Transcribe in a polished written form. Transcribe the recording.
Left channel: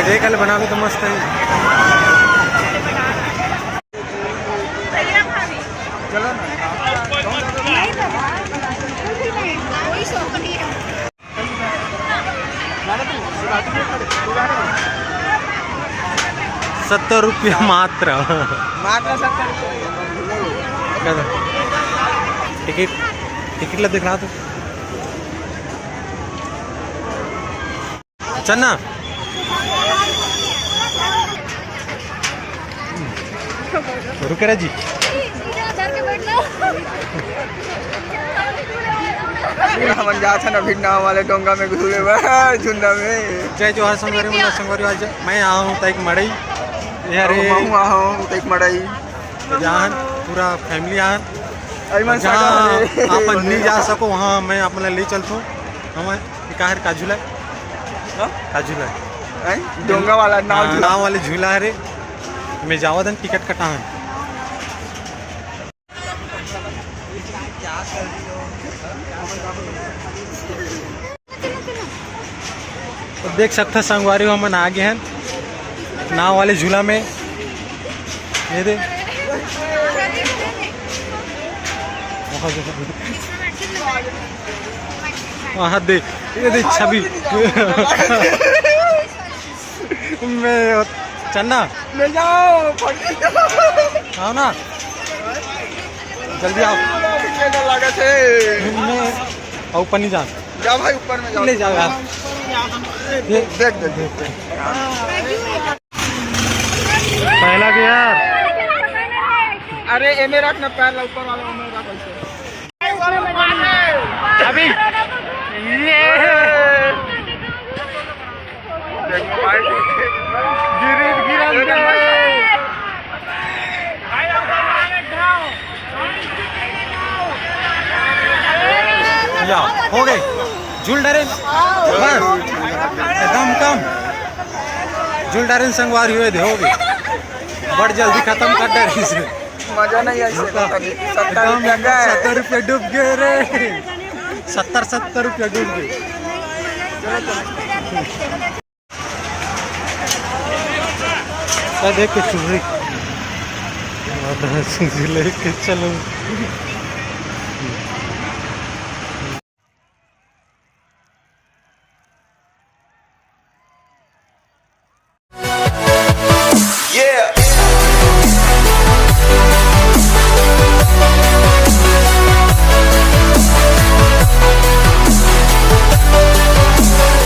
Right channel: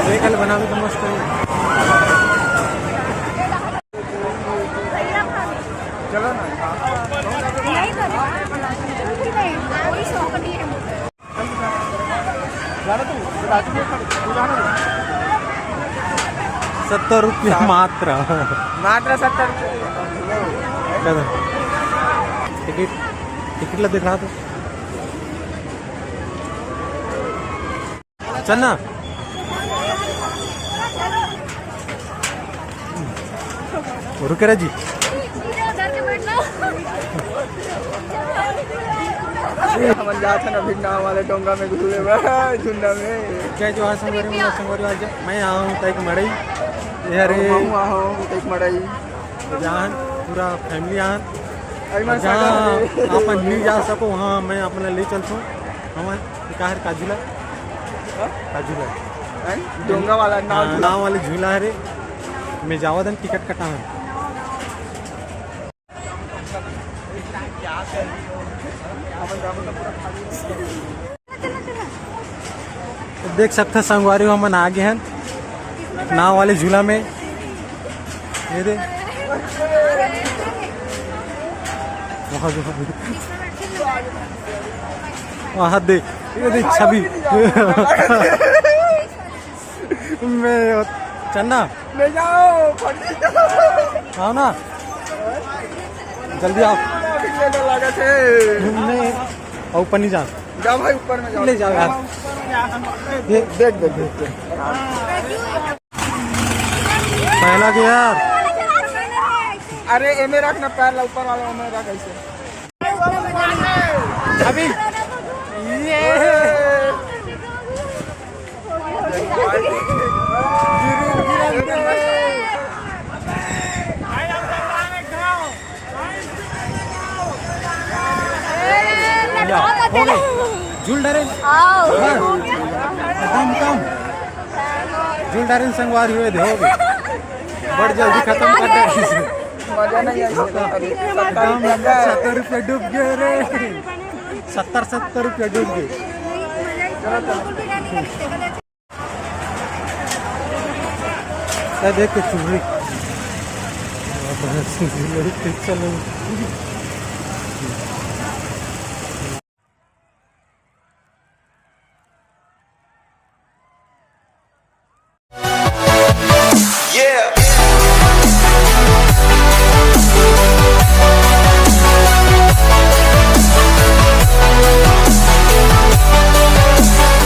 कल बना भी तो मस्त है। चलो ना। 70 रुपया मात्र। मात्र 70 टिकट ला दिख रहा तो चलना। रुके रह जी। हम जा था ना भिन्ना वाले डोंगा में घुसे झुंडा में। जय जोहार संगवारी मतलब संगवारी आज मैं आया हूँ तक मड़ई यार तक मड़ई जहाँ पूरा फैमिली यहाँ जहाँ आप नहीं जा सको वहाँ मैं अपना ले चलता हूँ। हम काहर का झूला डोंगा वाला नाव वाले झूला है मैं जावा दन टिकट कटा है। तो देख सकते संगवारी हो हम आगे हैं नाव वाले झूला में। ये दे वहाँ दे ये देख छवि मैं चलना ले जाओ आओ ना जल्दी आओ। मैं ऊपर नहीं जा भाई ऊपर में जाओ ले जाओ यार। देख पहला के यार। अरे एमे रखना पैर ऊपर वाला में रख ऐसे अभी ये हो गए झूल डरे बस एकदम कम झूल डरे संगवारी हुए थे हो गए बड़ जल्दी खत्म कर डरे से मजा नहीं आई। 70 रुपया डूब गए रे 70 रुपया डूब गए। देख के चुरी लेके चलो।